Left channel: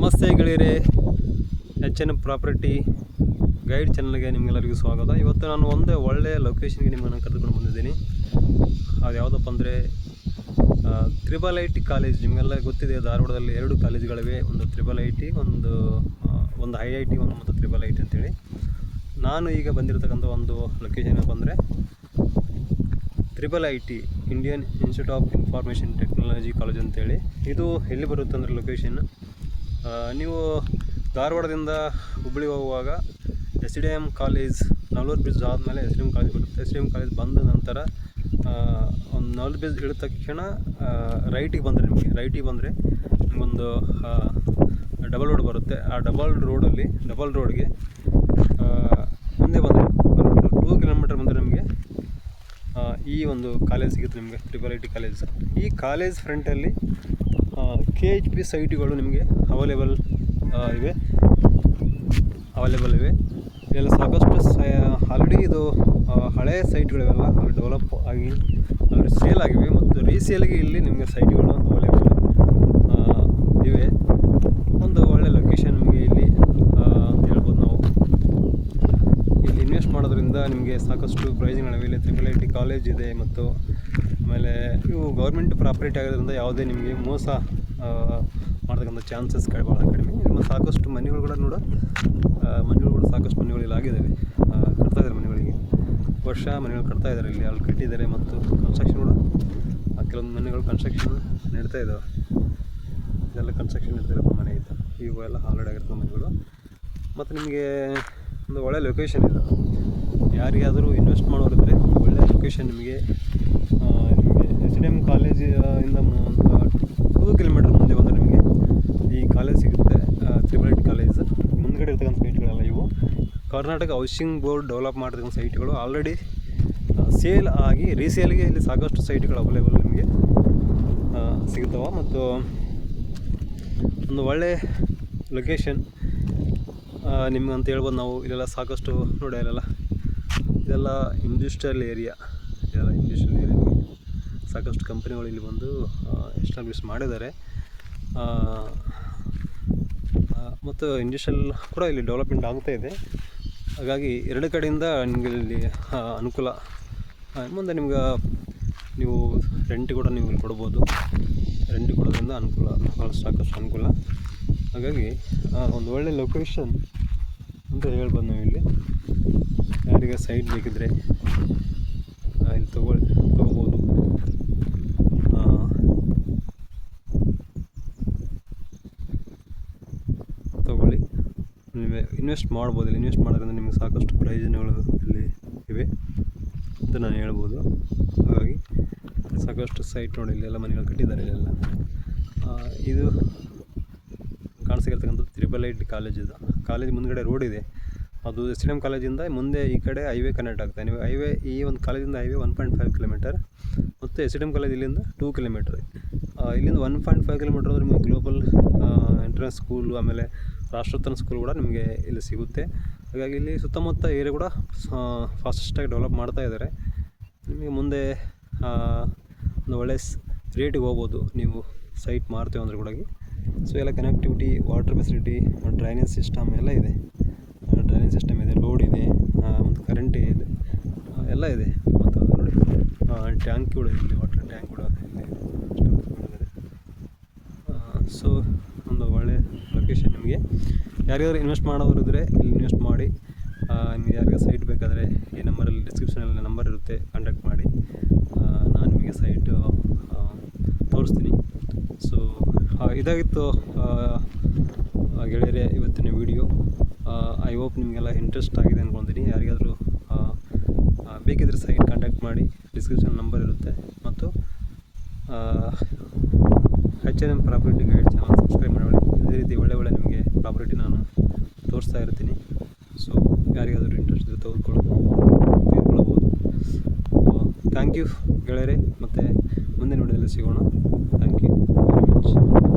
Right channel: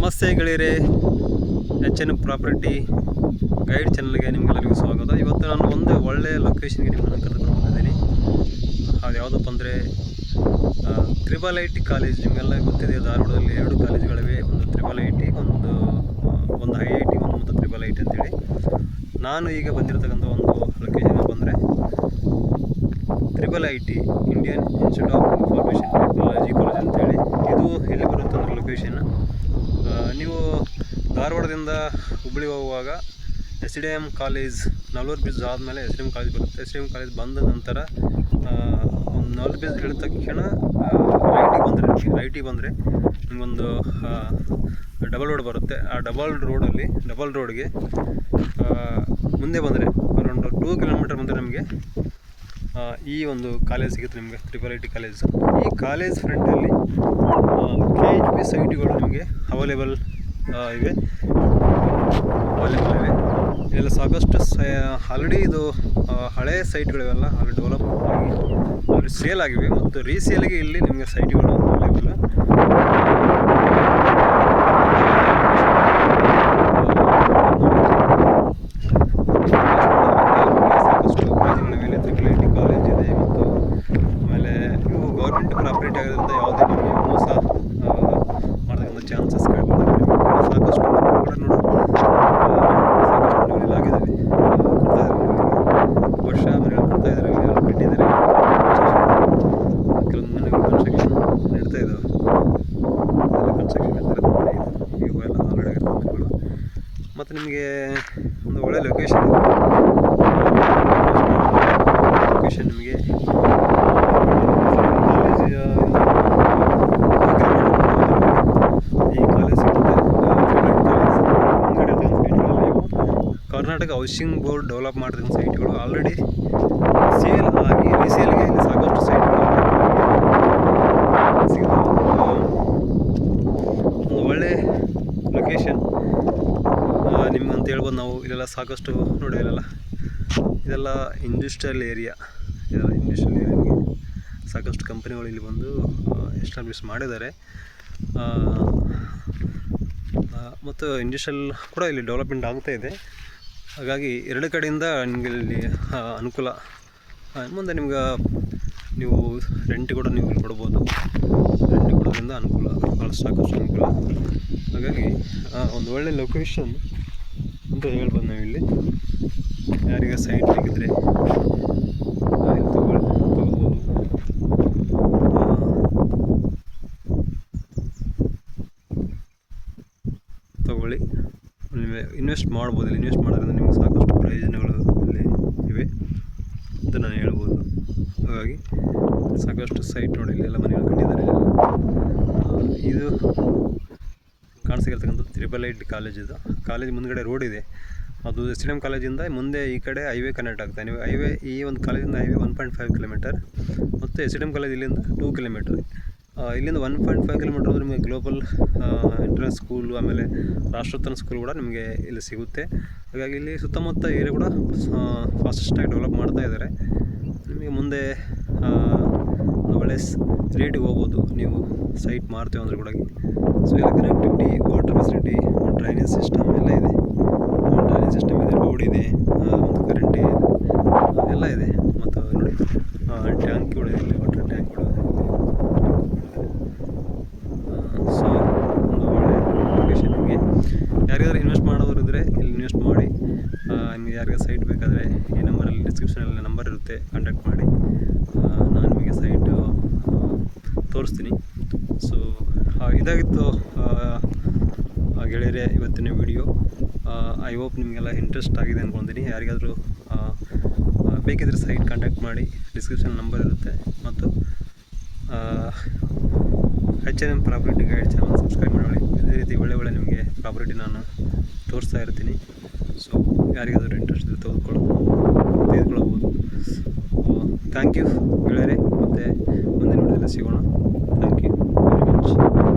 ನಮಸ್ತೆ ಗೆಳೆಯರೇ, H N property guide ಚಾನಲ್ಗೆ ನಿಮಗೆಲ್ಲರಿಗೂ ಸ್ವಾಗತ. ಇವತ್ತು ನಾನು ಒಂದು ಒಳ್ಳೆಯ ಲೊಕೇಶನ್ಗೆ ನಿಮ್ಮನ್ನು ಕರೆದುಕೊಂಡು ಬಂದಿದ್ದೀನಿ. ಅದು ಯಾವುದಪ್ಪ ಅಂದರೆ IIT ಕಾಲೇಜ್. ನಿಮಗೆಲ್ಲ ಗೊತ್ತಿದೆ, ಧಾರವಾಡದಲ್ಲಿ 2 ಕಾಲೇಜುಗಳಿವೆ, ಒಂದು IIT, ಒಂದು IIT, ಮತ್ತು IIT ಅಂತೇಳಿ. ನಾನು ಈಗ ಬಂದಿರತಕ್ಕಂಥ ಒಂದು ಲೊಕೇಶನ್ ಬಂದರೆ IIT, Indian institute of information technology college ಅಂತೇಳಿ. ಇದು ಎಲ್ಲಿ ಬರುತ್ತೆ ಅಂದರೆ ಲೊಕೇಶನ್, ನೀವು ಧಾರವಾಡದಿಂದ ಹುಬ್ಬಳ್ಳಿ ಹೋಗುವಾಗ SDM ಕಾಲೇಜ್, ನಲ್ವರ್ ಬ್ರಿಡ್ಜ್ ಆದಮೇಲೆ SDM ಕಾಲೇಜ್ ಬರುತ್ತೆ. SDM ಕಾಲೇಜ್ ಬಂದ ನಂತರ ಒಂದು ನಲ್ವರ್ ಬ್ರಿಡ್ಜ್ ಇಳಿದ ತಕ್ಷಣ ರೈಟಿಗೆ ಬಂದರೆ ನಿಮಗೊಂದು ಡಬಲ್ ರೋಡ್ ಬರುತ್ತೆ. ಆ ಡಬಲ್ ರೋಡ್ಗೆ ಮುಂದೆ ಬಂದರೆ ಅರೌಂಡ್ 2 ಕಿಲೋಮೀಟರ್ ಮುಂದೆ ನಮಗೆ ಈ ಒಂದು ಕಾಲೇಜ್ ಸಿಗುತ್ತೆ ನಿಮಗೆ, IIT ಕಾಲೇಜ್. ಈ ಕಾಲೇಜ್ ಫ್ರಂಟಲ್ಲಿ KHP ಸೈಟ್ಗಳು ನಿಮಗೆ ಅವೈಲೇಬಲ್ ಇವೆ. ಇದೆಲ್ಲ ಸಾಕಷ್ಟು ಆಲ್ರೆಡಿ ಇದು ಹಳೆಯ ಸೈಟ್ಗಳಿವೆಲ್ಲ ಆಲ್ರೆಡಿ ಡೆವಲಪ್ ಆಗಿ ಆಲ್ರೆಡಿ ಸೇಲ್ ಆಗಿವೆ, ಮತ್ತು ರೀಸೇಲ್ಗೆ ಇಲ್ಲಿ ನಿಮಗೆ ಸೈಟ್ಗಳು ಅವೈಲೇಬಲ್. ಸಾಕಷ್ಟು ಕಾಲೇಜುಗಳಿವೆ. IIT ಕಾಲೇಜ್ ಇದೆ, ಮತ್ತು ಆಮೇಲೆ ಇವು ಗೌರ್ಮೆಂಟ್ ಪ್ರಾಪರ್ಟಿ ಆಗೋದ್ರಿಂದ ಯಾವುದೇ ನಿಮಗೆ ಮೋಸ ಮಾಡ್ತಕ್ಕಂಥ ಚಾನ್ಸಸ್ ಸಾಕಷ್ಟು ಮನೆಗಳು ಕೂಡ ಸಾಕಷ್ಟು ಮನೆಗಳಲ್ಲಿ ಆಗಿದ್ದಾವೆ, ಕಟ್ತಾ ಇದ್ದಾರೆ. ವರ್ಷ ಮನೆಗಳು ಕಟ್ತಾ ಇದ್ದಾರೆ, ಇಲ್ಲಿ ಎಲ್ಲ ಕಟ್ಟಿದ್ದಾರೆ. ಕೆಲವೊಂದು ಮನೆಗಳು ಕನ್ಸ್ಟ್ರಕ್ಷನ್ ನಡೀತಾ ಇದ್ದಾವೆ, ಎಲ್ಲ ಕನ್ಸ್ಟ್ರಕ್ಷನ್ ನಡೀತಿರೋದು ಮನೆ ಇದೆ. ಇವೆಲ್ಲ ಆಲ್ರೆಡಿ ಆಗಿರೋ ಮನೆಗಳು. ಮತ್ತು ನಿಮಗೆ ಒಂದು ಒಳ್ಳೆಯ ಲೊಕೇಶನ್ ಇದೆ. ಲೊಕೇಶನ್ ನಿಮಗೆ ಈ ಕಾಲೇಜ್ ಸಿಗುತ್ತೆ. ಮುಂಗಡೆ ಸೈಟ್ಗಳೆಲ್ಲ ಇವು ಕರ್ನಾಟಕ ಹೌಸಿಂಗ್ ಬೋರ್ಡ್ ಡೆವಲಪ್ ಮಾಡಿದ ಸೈಟ್ಗಳು ಆಲ್ರೆಡಿ ಸೇಲ್ ಆಗಿ ರೀಸೇಲ್ಗೆ ಇಲ್ಲಿ ಸಾಕಷ್ಟು ಸೈಟ್ಗಳು ಸಿಗ್ತವೆ. ಒಂದು ಒಳ್ಳೆ ಲೊಕೇಶನ್ ನಿಮ್ಗೆ ಅಂತ ಹೇಳ್ಬೋದು. ನಾವು ಇಲ್ಲೆಲ್ಲ ಸಾಕಷ್ಟು ನೋಡಿ, ಇದೆಲ್ಲ ಇಂಡಸ್ಟ್ರಿಯಲ್ ಏರಿಯಾ. ನಿಮಗೆ ಸಾಕಷ್ಟು ಕಂಪನಿಗಳು ಇಲ್ಲಿ ಬಂದು ಎಸ್ಟಾಬ್ಲಿಷ್ ಮಾಡಿದ್ದಾರೆ, ಮತ್ತು ಇಂಡಸ್ಟ್ರಿಯಲ್ ಕೂಡ ಇಲ್ಲಿ ಡೆವಲಪ್ಮೆಂಟ್ ಆಗ್ತಾ ಇದೆ. ಹಾಗಾಗಿ 2 ಕಡೆಯಿಂದ ನಿಮಗೆ ಇಲ್ಲಿ ಅನುಕೂಲ. ಮುಂದೆ ನಿಮ್ಗೆ ನೀವು ರೆಂಟ್ ಕೂಡ ನೀವು ಇಲ್ಲಿ ಕೊಡ್ಬೋದು. ರೆಂಟ್ ಕೊಡೋದ್ರಿಂದ ಅನುಕೂಲ, ಸಾಕಷ್ಟು ಅನುಕೂಲ. ಹಾಗಾಗಿ ಒಂದು ಒಳ್ಳೆ ಲೊಕೇಶನ್ ಅಂತ ಹೇಳ್ಬೋದು ನಾವು. ಇಲ್ಲಿ ಯಾರಿಗೆ ಸೈಟ್ ಸಿಕ್ಕಿದ್ರೆ ಇಲ್ಲಿ ತೊಗೋಬೋದು. ತೊಗೊಳ್ಳಿ, ನೀವು ಇನ್ವೆಸ್ಟ್ ಮಾಡ್ಬೋದು. ಇಲ್ಲಿ ಇನ್ವೆಸ್ಟ್ ಮಾಡೋದ್ರಿಂದ ನಿಮಗೆ ಸಾಕಷ್ಟು ಪ್ರಯೋಜನಗಳು ಇಲ್ಲಿ ಇವೆ ಅಂತ ನಾನು ಹೇಳ್ಬೋದು. ಹಾಗಾಗಿ ಸಾಕಷ್ಟು ಸೈಟ್ ನೋಡಿ, ಇಲ್ಲಿ ಎಲ್ಲ ಮನೆಗಳು ಕಟ್ಟಿದ್ದಾರೆ. ಇದು ಕಾಣಿಸಿರ್ತಕ್ಕಂಥದ್ದು IIT ಕಾಲೇಜ್. ಇದು ಕಾಲೇಜ್ ಮುಂದ್ಗಡೆ ರೋಡ್ ಇದೆ, ಅದು SDM ಕಾಲೇಜಿಂದ ಮುಂದೆ ಈ ಕಡೆ ಹೈವೇ ಕನೆಕ್ಟ್ ಆಗ್ತಾನೆ. ನೀವು ಹೈವೇ, ಈ ಒಂದು ಕಾಲೇಜಿಂದ ಹೈವೇ 1.5 ಕಿಲೋಮೀಟರ್, ಮತ್ತು SDM ಕಾಲೇಜ್ ಇಲ್ಲಿಂದ 2 ಕಿಲೋಮೀಟರ್. ಇಲ್ಲಿಂದ 1.5 ಕಿಲೋಮೀಟರ್ ನಿಮಗೆ ಗ್ಲೋಬಲ್ ಇಂಟರ್ನ್ಯಾಷನಲ್ ಸ್ಕೂಲು, ಆಮೇಲೆ ರಾಷ್ಟ್ರೋತ್ತರ ಸ್ಕೂಲ್ ಕೂಡ ನಿಮಗೆ ಇಲ್ಲಿ ಸಿಗುತ್ತೆ. ಹಾಗಾಗಿ ಇಲ್ಲಿ ಸುತ್ತಮುತ್ತ ಏರಿಯಾ ಕೂಡ ಫಾಸ್ಟೆಸ್ಟಾಗಿ ಡೆವಲಪ್ ಮಾಡ್ತಾ ಇದ್ದಾರೆ. ನಿಮಗೆ ಮುಂದೆ ಒಂದು ಒಳ್ಳೆ ರೇಟಿಗೆ ಹೋಗ್ಬೋದು ನೀವು ಸೈಟ್ ಮಾರ್ತೀವಿ ಅಂದರೆ ಕೂಡ. ಸೊ ಎಲ್ಲ connectivity, water facility, drainage system ಎಲ್ಲ ಇದೆ. ರೋಡ್ ಇದೆ, ಮತ್ತು ಕರೆಂಟ್ ಇದೆ, ಎಲ್ಲ ಇದೆ. ಮತ್ತು ನೋಡಿ ಟ್ಯಾಂಕ್ ಕೂಡ ಇದೆ, ಇಲ್ಲಿ ವಾಟರ್ ಟ್ಯಾಂಕ್ ಕೂಡ ಇದೆ. ಸೊ ಒಂದು ಒಳ್ಳೆಯ ಲೊಕೇಶನ್. ನಿಮಗೆ ಯಾರಿಗಾದ್ರೂ ಇನ್ವೆಸ್ಟ್ ಮಾಡೋರು ಇದ್ದರೆ ಇಲ್ಲಿ ಇನ್ವೆಸ್ಟ್ ಮಾಡಿ. ನಿಮಗೆ ಯಾರಿಗಾರು ಸೈಟ್ ಬೇಕಾದರೆ ಈ ನಂಬರಲ್ಲಿ, ಡಿಸ್ಕ್ರಿಪ್ಷನಲ್ಲಿ ನಂಬರ್ ಇರುತ್ತೆ, ಕಾಂಟ್ಯಾಕ್ಟ್ ಮಾಡಿ. ನಾನು ನಿಮಗೆ ಸೈಟು ತೋರಿಸ್ತೀನಿ. ಸೊ ಇದಾಗಿತ್ತು ಗೆಳೆಯರೇ ಇವತ್ತಿನ ವಿಡಿಯೋ. ಐ ಹೋಪ್ ನಿಮಗೆಲ್ಲ ಇಂಟ್ರೆಸ್ಟ್ ಆಗಿದೆ ಅಂದ್ಕೊಳ್ತೀನಿ. ಯಾರಿಗಾದರೂ ಬೇಕಿದ್ದರೆ ಸೈಟ್ ಕಾಂಟ್ಯಾಕ್ಟ್ ಮಾಡಿ, ಡಿಸ್ಕ್ರಿಪ್ಷನ್ ನಂಬರ್ ಇರುತ್ತೆ. ಮತ್ತು HNM property guide channel subscribe ಮಾಡಿ. ಇದೇ ರೀತಿ ಒಳ್ಳೆ ನಿಮಗೆ ಪ್ರಾಪರ್ಟಿ ನಾನು ತೋರಿಸ್ತಾ ಇರ್ತೀನಿ. ಸೊ ಯಾರಿಗಾದರೂ ಇಂಟ್ರೆಸ್ಟ್ ಇದ್ದರೆ ತೆಗೆದುಕೊಳ್ಬೋದು. ಥ್ಯಾಂಕ್ ಯು ಗೆಳೆಯರೇ, ಮತ್ತು ಮುಂದಿನ ವಿಡಿಯೋದಲ್ಲಿ ಸಿಗೋಣ. Thank you very much.